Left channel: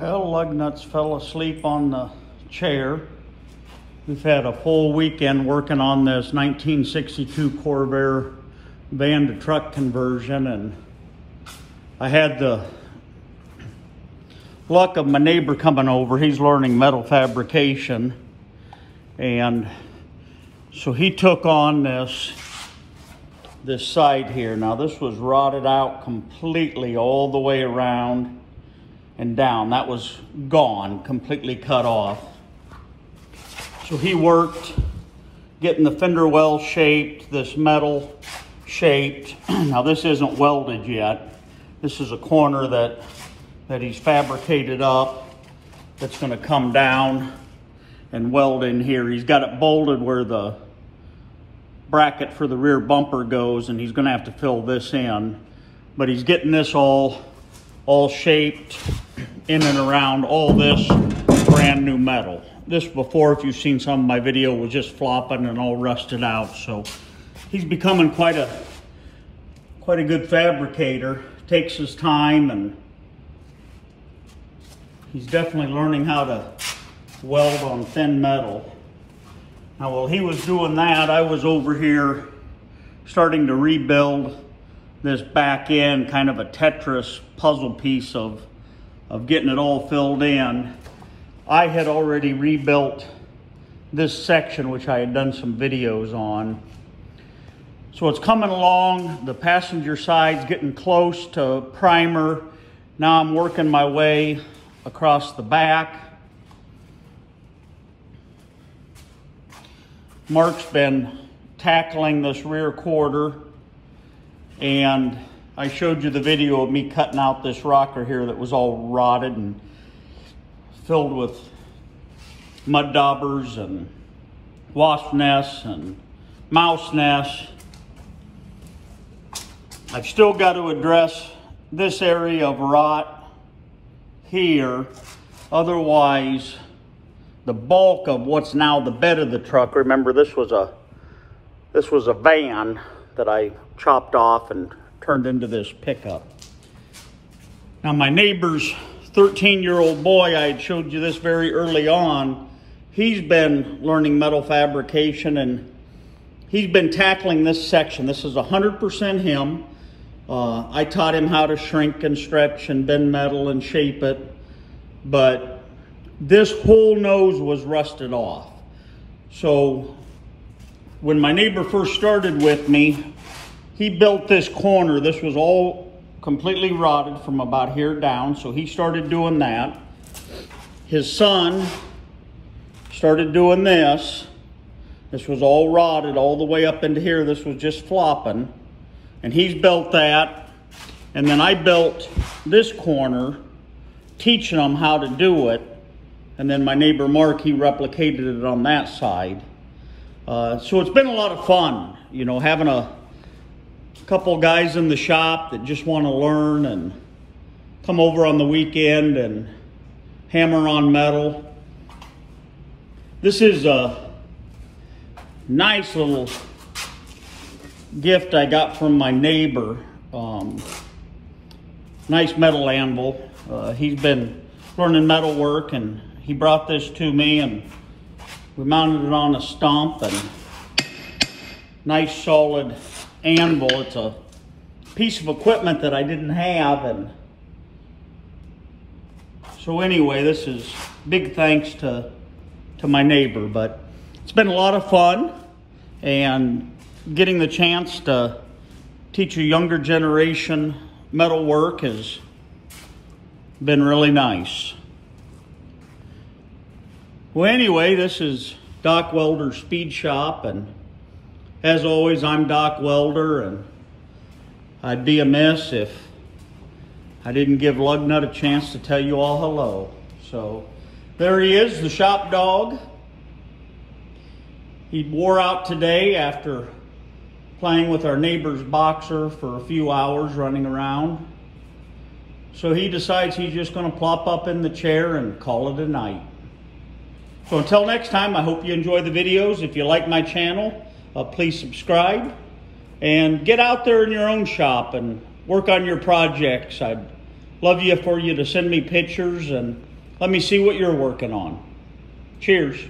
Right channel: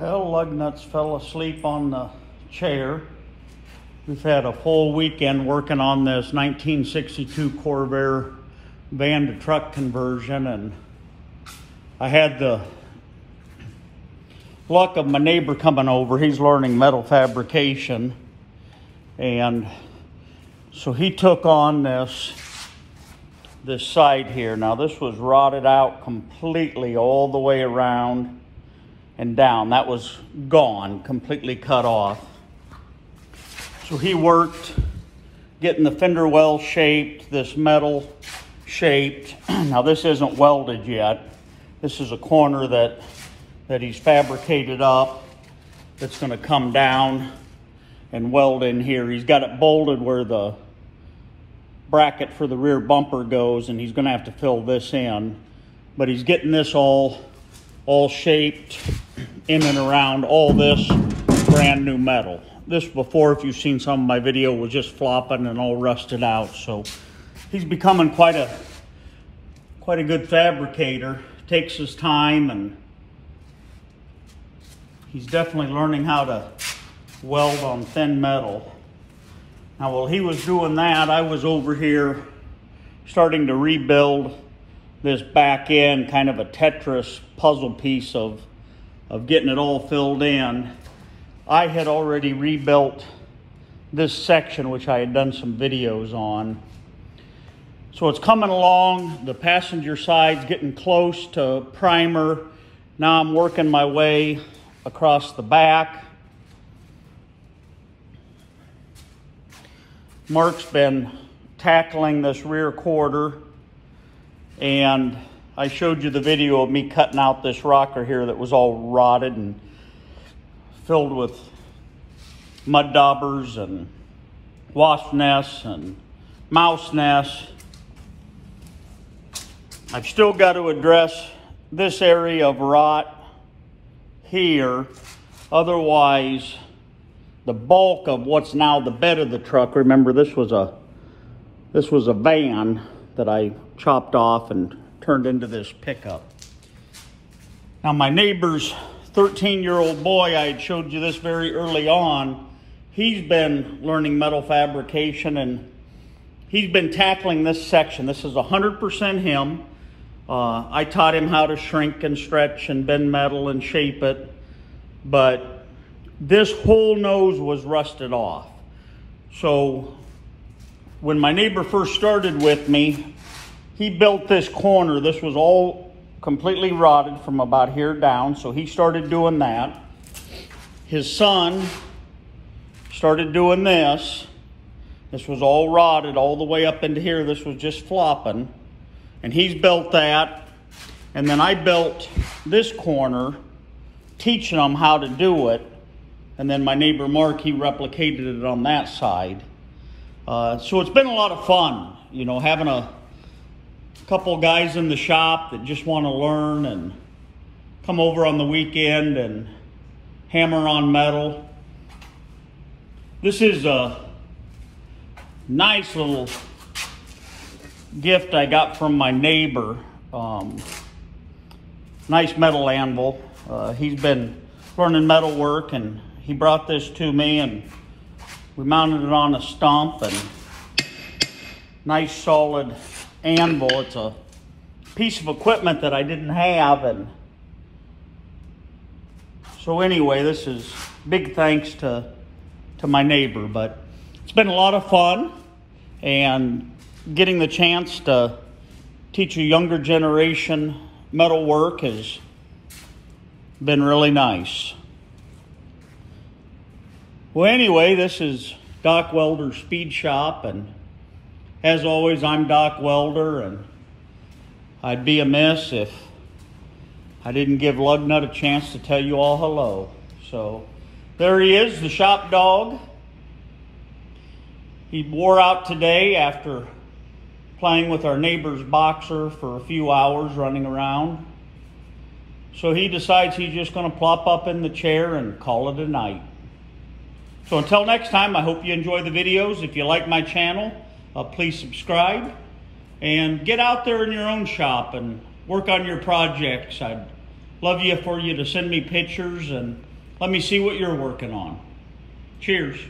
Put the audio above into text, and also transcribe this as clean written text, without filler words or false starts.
Well, lug nuts fell asleep on the chair. We've had a full weekend working on this 1962 Corvair van to truck conversion, and I had the luck of my neighbor coming over. He's learning metal fabrication, and so he took on this side here. Now this was rotted out completely all the way around and down. That was gone, completely cut off. So he worked getting the fender well shaped, this metal shaped. Now this isn't welded yet. This is a corner that he's fabricated up that's going to come down and weld in here. He's got it bolted where the bracket for the rear bumper goes, and he's going to have to fill this in. But he's getting this all shaped in and around all this brand new metal. This before, if you've seen some of my video, was just flopping and all rusted out. So he's becoming quite a good fabricator. Takes his time, and he's definitely learning how to weld on thin metal. Now while he was doing that, I was over here starting to rebuild this back end, kind of a Tetris puzzle piece of getting it all filled in. I had already rebuilt this section, which I had done some videos on. So it's coming along. The passenger side's getting close to primer. Now I'm working my way across the back. Mark's been tackling this rear quarter, and I showed you the video of me cutting out this rocker here that was all rotted and filled with mud daubers and wasp nests and mouse nests. I've still got to address this area of rot here. Otherwise, the bulk of what's now the bed of the truck, remember this was a van that I chopped off and turned into this pickup. Now my neighbor's 13-year-old boy, I had showed you this very early on, he's been learning metal fabrication, and he's been tackling this section. This is 100% him. I taught him how to shrink and stretch and bend metal and shape it, but this whole nose was rusted off. So when my neighbor first started with me, he built this corner. This was all completely rotted from about here down, so he started doing that. His son started doing this. This was all rotted all the way up into here. This was just flopping, and he's built that. And then I built this corner, teaching him how to do it. And then my neighbor Mark, he replicated it on that side. So it's been a lot of fun, you know, having a couple guys in the shop that just want to learn and come over on the weekend and hammer on metal. This is a nice little gift I got from my neighbor. Nice metal anvil. He's been learning metal work, and he brought this to me, and we mounted it on a stump, and nice solid anvil. It's a piece of equipment that I didn't have, and so anyway, this is big thanks to my neighbor. But it's been a lot of fun, and getting the chance to teach a younger generation metal work has been really nice. Well, anyway, this is Doc Welder's Speed Shop, and as always, I'm Doc Welder, and I'd be amiss if I didn't give Lugnut a chance to tell you all hello. So there he is, the shop dog. He wore out today after playing with our neighbor's boxer for a few hours running around. So he decides he's just going to plop up in the chair and call it a night. So until next time, I hope you enjoy the videos. If you like my channel, please subscribe and get out there in your own shop and work on your projects. I'd Love you for you to send me pictures and let me see what you're working on. Cheers.